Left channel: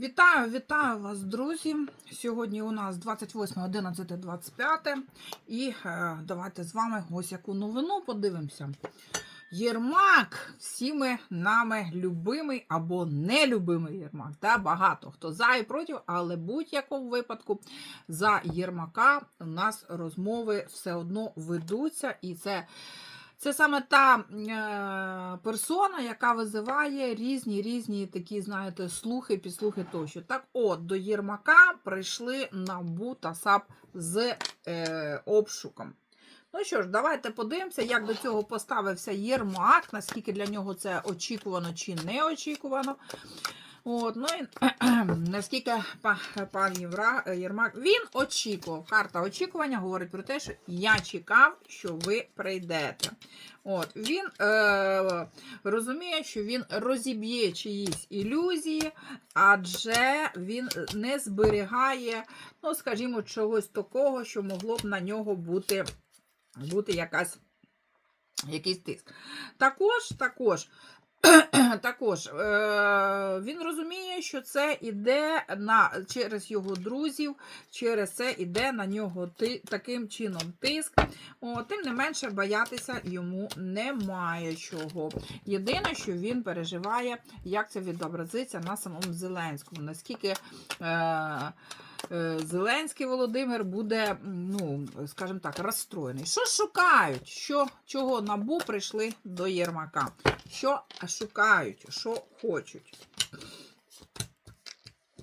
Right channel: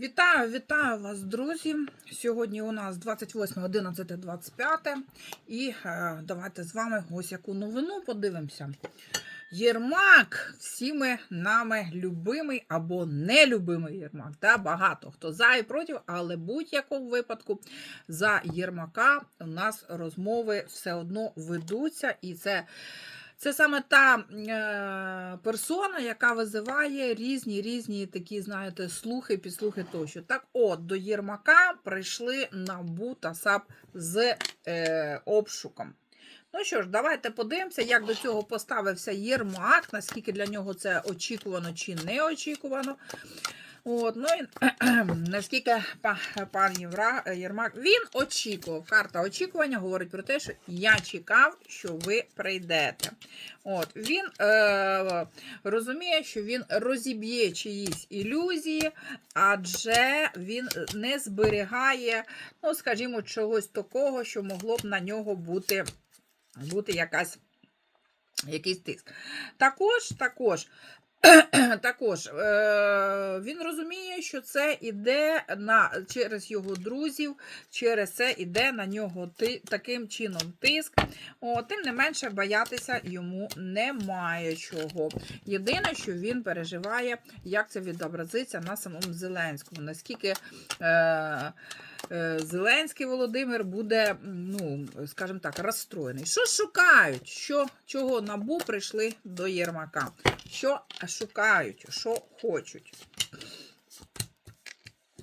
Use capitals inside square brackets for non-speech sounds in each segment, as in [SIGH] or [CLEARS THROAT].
Вітаю, вітаю вас, друзі. Сьогодні у нас 28, 11, 25. І е, давайте з вами ось яку новину подивимося. Єрмак, всіми нами любимий або нелюбимий Єрмак. Да? Багато хто за і проти, але будь-якому випадку за Єрмака у нас розмови все одно ведуться, і це. Це саме та е, персона, яка визиває різні різні такі, знаєте, слухи, підслухи тощо. Так, от до Єрмака прийшли НАБУ та САП з е, обшуком. Ну що ж, давайте подивимося, як до цього поставився Єрмак, наскільки для нього це очікувано чи не очікувано. От, ну і [CLEARS THROAT] наскільки пан Єрмак він очікував. Карта очікування говорить про те, що я чекав, що ви прийдете. От, Він е, розуміє, що він розіб'є чиїсь ілюзії, адже він не зберігає, ну, скажімо, чогось такого, що могло б на нього бути, бути якась, якийсь тиск. Також, також. [CLEARS THROAT] Також е, він розуміє, що це іде на, через його друзів, через це іде на нього ти, таким чином тиск. О, тим не менше, боятися йому немає чого. Єдине, що він переживає, як це відобразиться на самому Зеленському. Наскільки е, Зеленський Володимир буде, ну, скажімо так, розстроєний. Що шукають? Що, чого набу прийшли до Єрмака? Що шукають, що хочуть.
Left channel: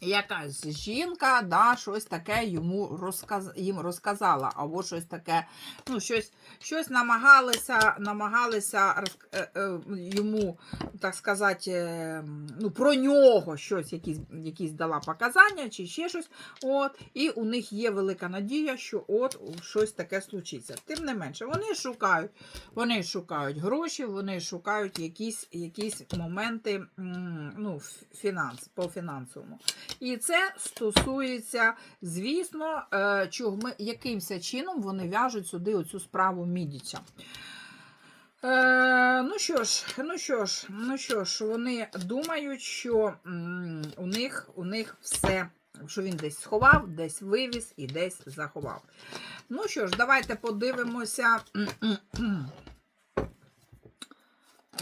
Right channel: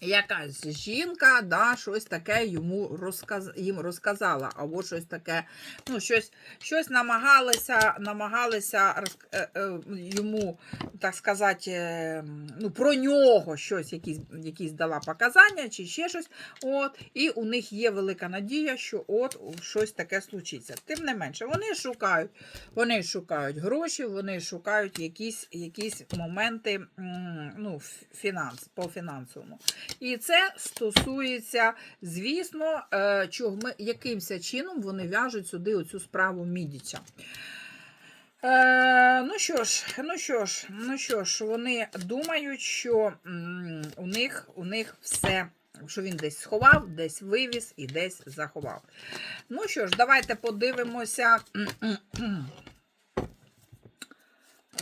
Якась жінка, да, щось таке йому розказ... їм розказала, або щось таке, ну, щось, щось намагалися, намагалися роз... е, е, йому, так сказати, е, ну, про нього щось, якісь, якісь дала показання, чи ще щось. От, і у них є велика надія, що от щось таке случиться. Тим не менше, вони шукають, вони шукають гроші, вони шукають якісь, якісь моменти ну, фінанс, по фінансовому. І це стосується, звісно, е, чого якимся чином вони в'яжуть сюди оцю справу Мідіча. Е, ну що ж, ну що ж, ну що ж, вони думають, що у, них, у них все, що він десь сховав, десь вивіз і десь заховав. Ну що ж, давайте подивимося. [CLEARS THROAT]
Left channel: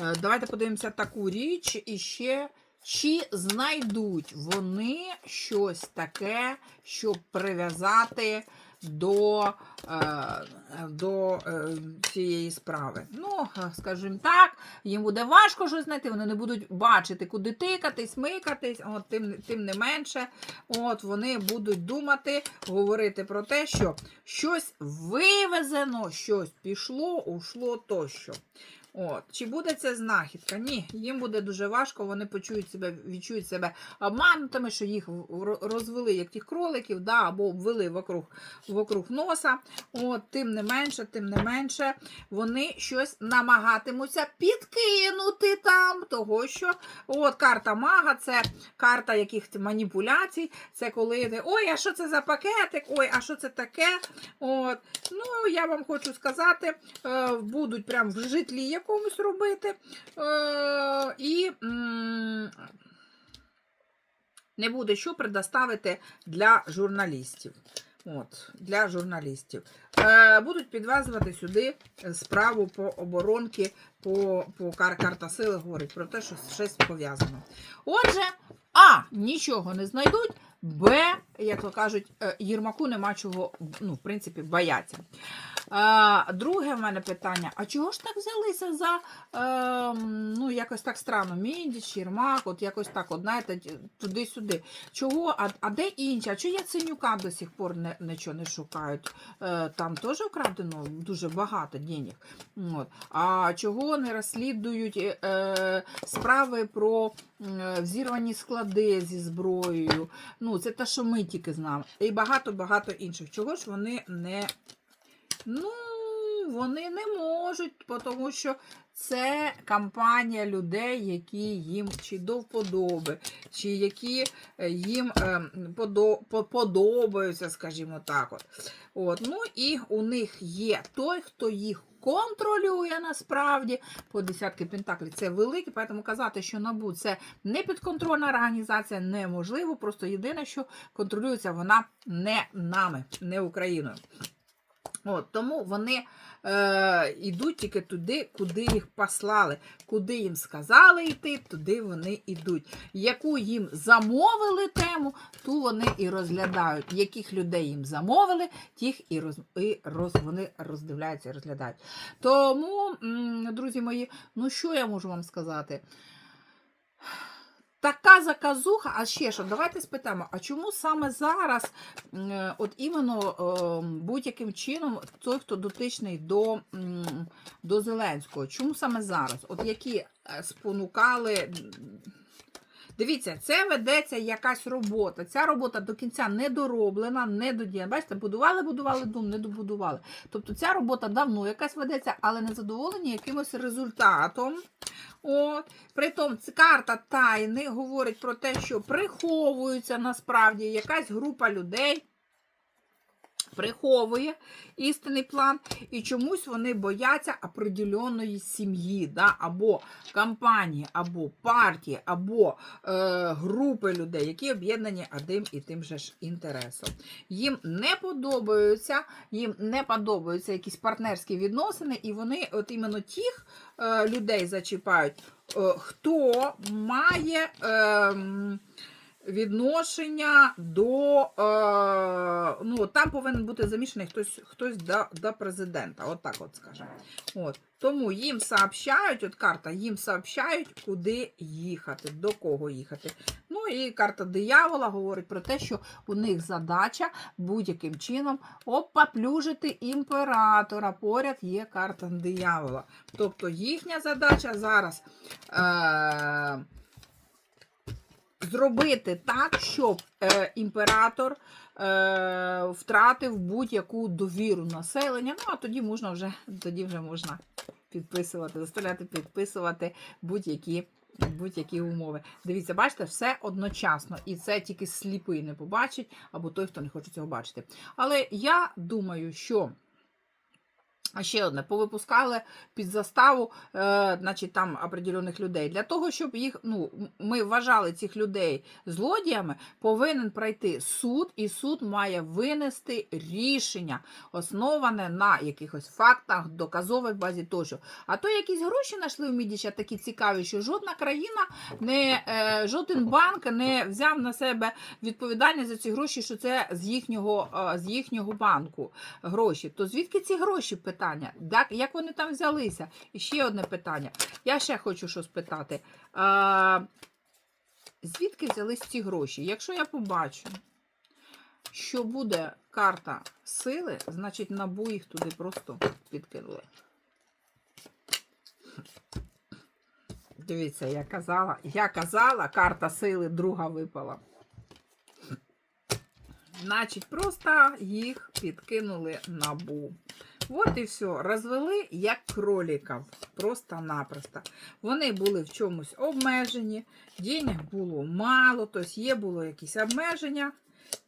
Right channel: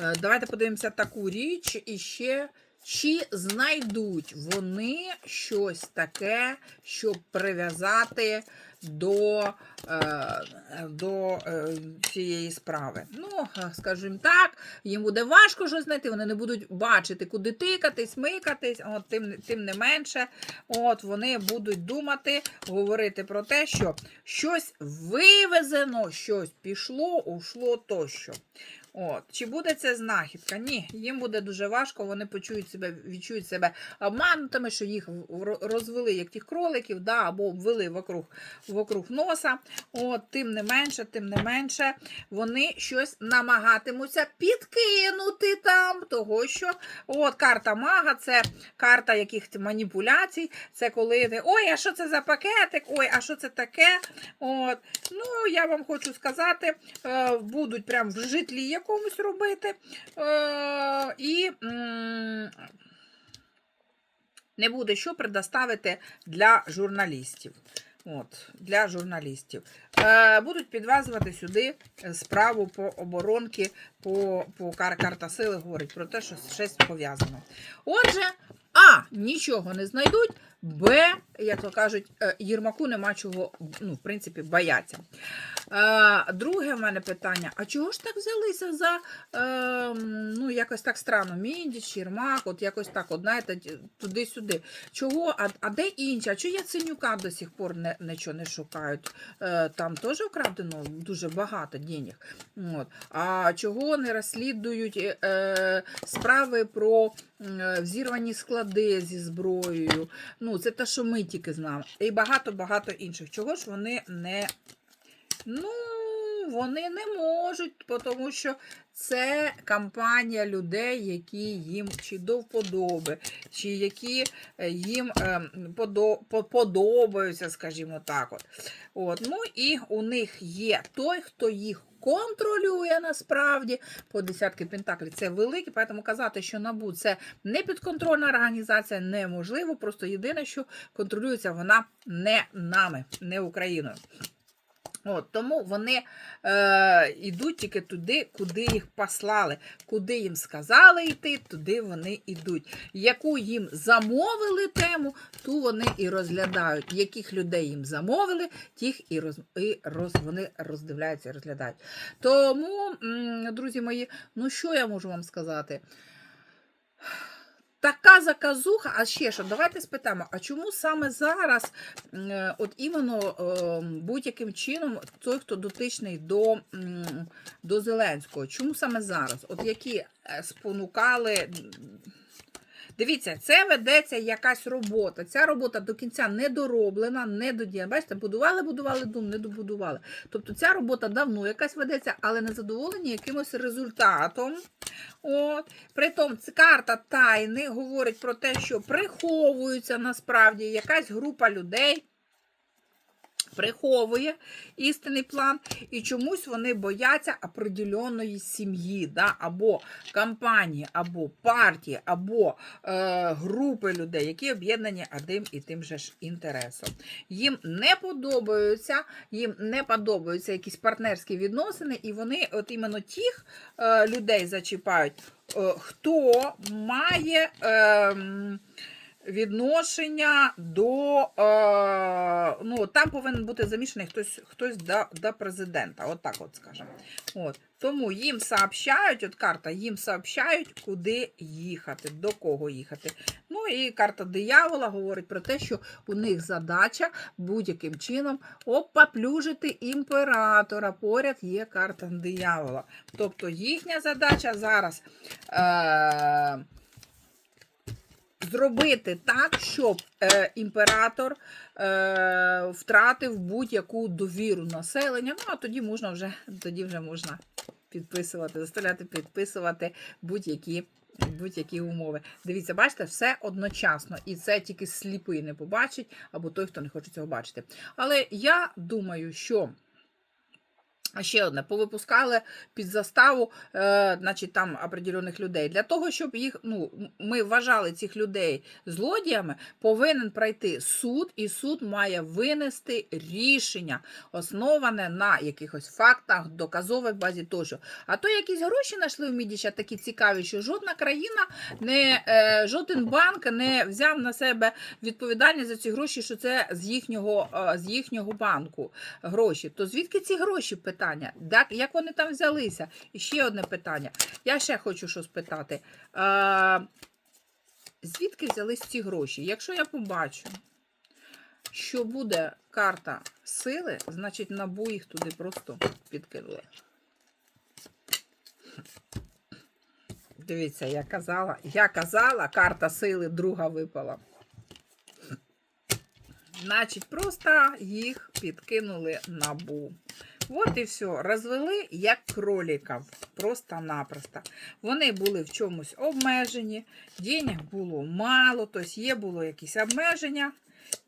Е, Давайте подивимося таку річ і ще. Чи знайдуть вони щось таке, щоб прив'язати до, е, до е, цієї справи? Ну, скажімо так, їм буде важко щось знайти, вони не будуть бачити, куди тикатись, микатись, от, тим, тим не менше, от, вони будуть думати, говорити про те, що щось вивезено, щось пішло, ушло тощо. От. Чи буде це знахідка? Ні, їм буде дуже важко, вони почують себе, відчують себе обманутими, що їх розвели як тих кроликів, да, або обвели вокруг, вокруг носа. От, тим не менше, тим не менше, вони щось намагатимуться підкинути там, того що от карта мага, це карта якихось маніпуляцій, це коли ти, ой, а що це за пакетик? Ой, а що це таке? От. Ну, я вам хочу сказати, е, будуть прям в житлі якомусь робити. Е, і не буде що предоставити для журналістів. От, для журналістів. Е, будуть підв'язувати сюди справу по оборонки, по, по кар, карта сили говорить про те, що щось пов'язано. Отже, А, нічого не знайдуть, Б, як то кажуть, е, Єрмаку нема чого, ну, в принципі, бояться. Друге в мене питання: а чого ж так взялися за е, ну, якось так странно, Мідіч, Єрмак, от якось так, от, знаєте, туди-сюди. Чого? А, а де інші? А чого Яценюка до сих пор не, нічого не шукають? Е, там теж вкрадено дуже багато денег. От. А чого не розслідують е, е, справи про е, взірвані склади зі зброєю? Ну, це те, що ми тільки знаємо. І багато-багато інших. Чого ж вони не. Ну, вони не можуть, тому що це кампанія людей, які їм чи до вподоби, чи які е, їм е, по- подобаються, скажімо так. От. От. Ну і у них є той, хто їх контролює насправді по десятки пентаклів. Це велике, тому казати, що НАБУ це не підконтрольна організація, неможливо. Просто єдине, що контролюється вона не нами, не Україною. От, тому вони е, йдуть тільки туди, куди їх послали. Куди їм сказали йти, туди вони йдуть. Яку їм замовили тему, ту вони і розглядають. Яких людей їм замовили, тих і, роз, і роз, вони роздивляються і розглядають. Тому, друзі мої, ну що я можу вам сказати? Така заказуха, а ще що, давайте спитаємо, а чому саме зараз, от іменно будь-яким чином той, хто дотичний до, до Зеленського, чому саме зараз? От які е, спонукали. Дивіться, це ведеться якась робота. Ця робота до кінця не дороблена, не додіяна. Бачите, будували, будували дум, не добудували. Тобто ця робота давно якась ведеться, але не задоволені якимось результатом. От. Притом карта тайни говорить про те, що приховується насправді якась група людей. Приховує істинний план, і чомусь вони бояться определеної сім'ї, да? або компанії, або партії, або е, групи людей, які об'єднані одним і тим же ж інтересом. Їм не подобаються, їм не подобаються якісь партнерські відносини, і вони от іменно тих е, людей зачіпають, е, хто має. Е, Відношення до е, ну там повинен бути замішаний хтось хтось до, до президента. От так от скажемо. От. Тому їм сообщають, от карта, їм сообщають, куди їхати, до кого їхати. Ну і карта диявола говорить про те, що у них задача будь-яким чином опаплюжити імператора. Поряд є карта диявола. Тобто їхня задача зараз. Е, Зробити так, щоб е, імператор е, втратив будь-яку довіру населення. Ну, а тоді можна вже тоді вже можна підписувати, заставляти підписувати будь-які будь-які умови. Дивіться, бачите, все одночасно. І це тільки сліпий не побачить, або той, хто не хоче цього бачити. Але я думаю, що. Ще одне, повипускали під заставу, е, значить, там определених людей. Для того, щоб їх, ну, ми вважали цих людей злодіями, повинен пройти суд, і суд має винести рішення, основане на якихось фактах, доказових базі тощо. А то якісь гроші знайшли в Мідіча такі цікаві, що жодна країна, не, е, жоден банк не взяв на себе відповідальність за ці гроші, що це з їхнього, е, з їхнього банку гроші. То звідки ці гроші? Питання. Як, як вони там взялися? І ще одне питання. Я ще хочу що спитати. А, звідки взялись ці гроші? Якщо я побачу, що буде карта сили, значить набу їх туди просто підкинули. Дивіться, я казала, я казала, карта сили друга випала. Значить, просто їх підкинули набу. От і все. Розвели як кроліків. Просто-напросто. Вони були в чомусь обмежені, денег було мало, тобто є було якісь обмеження.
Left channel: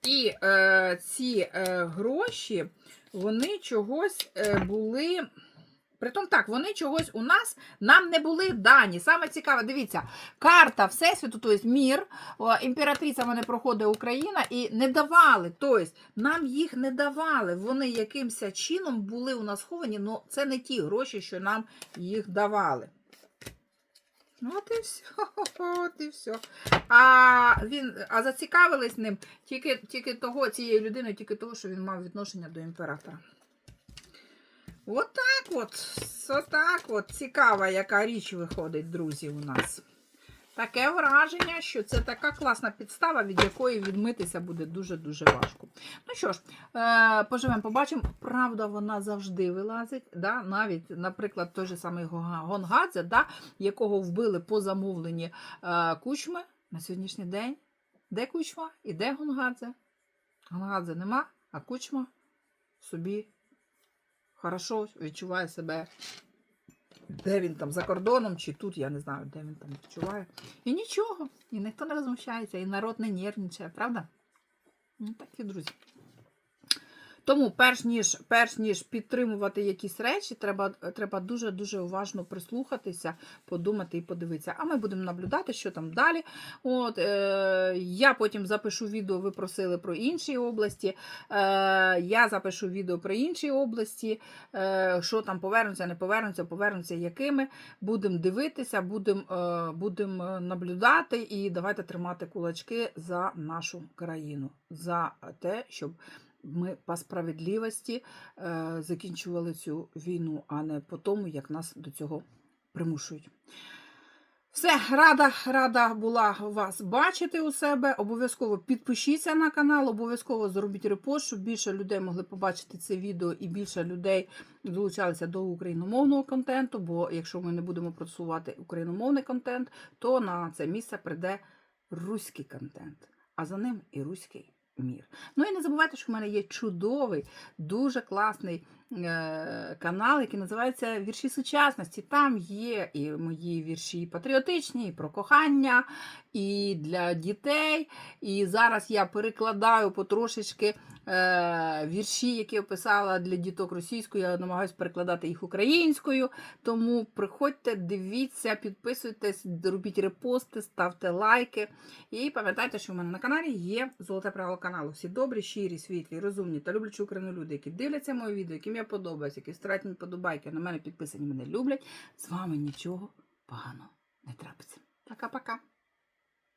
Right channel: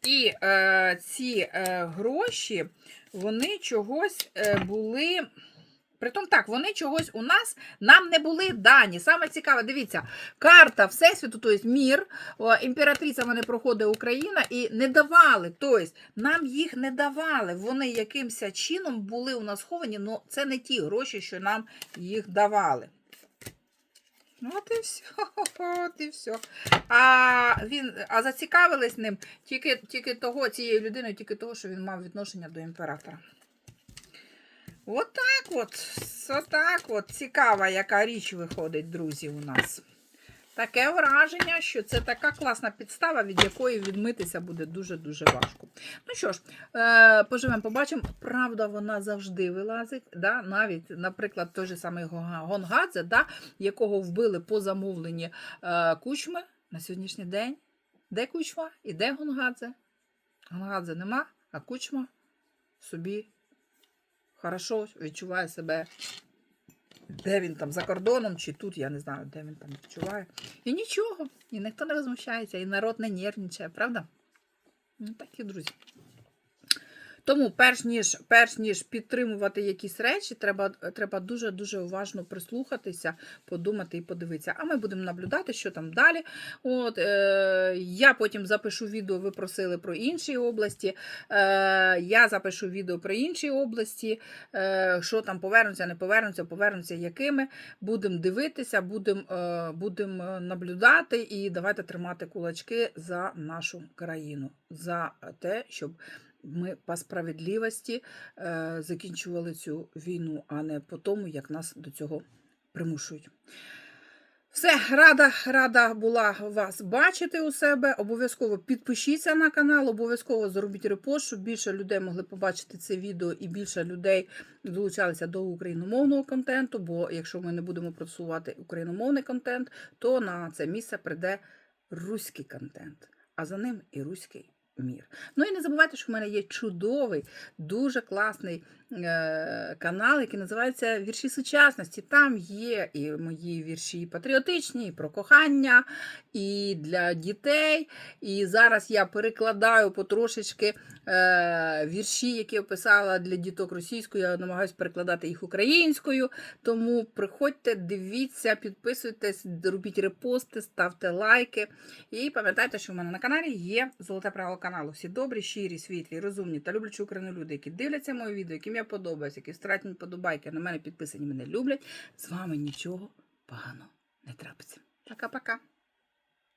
І е, ці е, гроші, вони чогось е, були. Притом так, вони чогось у нас нам не були дані. Саме цікаве, дивіться, карта Всесвіту, тобто мір, імператриця вони проходить Україна і не давали. Тобто нам їх не давали. Вони якимось чином були у нас сховані, але це не ті гроші, що нам їх давали. От і все, [LAUGHS] от і все. А, він, а зацікавились ним тільки, тільки того, цією людиною, тільки того, що він мав відношення до імператора. Отак от, отак от. Цікава, яка річ виходить, друзі, у нас. Таке враження, що це така класна підстава, від якої відмитися буде дуже-дуже важко. Ну що ж, е, поживемо, побачимо. Правда, вона завжди вилазить. Да? Навіть, наприклад, той же самий Гонгадзе, да? якого вбили по замовленні е, кучми на сьогоднішній день. Де кучма і де Гонгадзе? Гонгадзе нема, а кучма собі хорошо відчуває себе, де він там за кордоном, чи тут, я не знаю, де він там відчуває. І нічого, і ніхто не розмущається, і народ не нервничає, правда? Ну, так і друзі. Тому, перш ніж, перш ніж підтримувати якісь речі, треба, треба дуже-дуже уважно прислухатися, подумати і подивитися. А ми будемо наблюдати, що там далі. От, е, я потім запишу відео, ви просили про інші області. Е, я запишу відео про інші області, е, що там повернуться, не повернуться, повернуться якими. Будемо дивитися, будемо е, будем наблюдати і давайте тримати кулачки за нашу країну, за те, щоб ми по справедливості е, закінчували цю війну, а не по тому, як нас до цього примушують. Все, рада, рада була вас бачити у себе. Обов'язково підпишіться на канал, обов'язково зробіть репост, щоб більше людей могли побачити це відео і більше людей долучалися до україномовного контенту. Бо якщо ми не будемо просувати україномовний контент, то на це місце прийде руський контент, а за ним і руський мір. Ну і не забувайте, що в мене є чудовий, дуже класний е- канал, який називається Вірші сучасності. Там є і мої вірші патріотичні, і про кохання, і для дітей. І зараз я перекладаю потрошечки е- вірші, які я писала для діток російською. Я намагаюся перекладати їх українською. Тому приходьте, дивіться, підписуйтесь, робіть репости, ставте лайки. І пам'ятайте, що в мене на каналі є золоте правило каналу. Всі добрі, щирі, світлі, розумні та люблячі Україну люди, які дивляться моє відео, яким я подобаюся, які стратять мені подобайки, на мене підписані, мене люблять. З вами нічого поганого не трапиться. Пока-пока.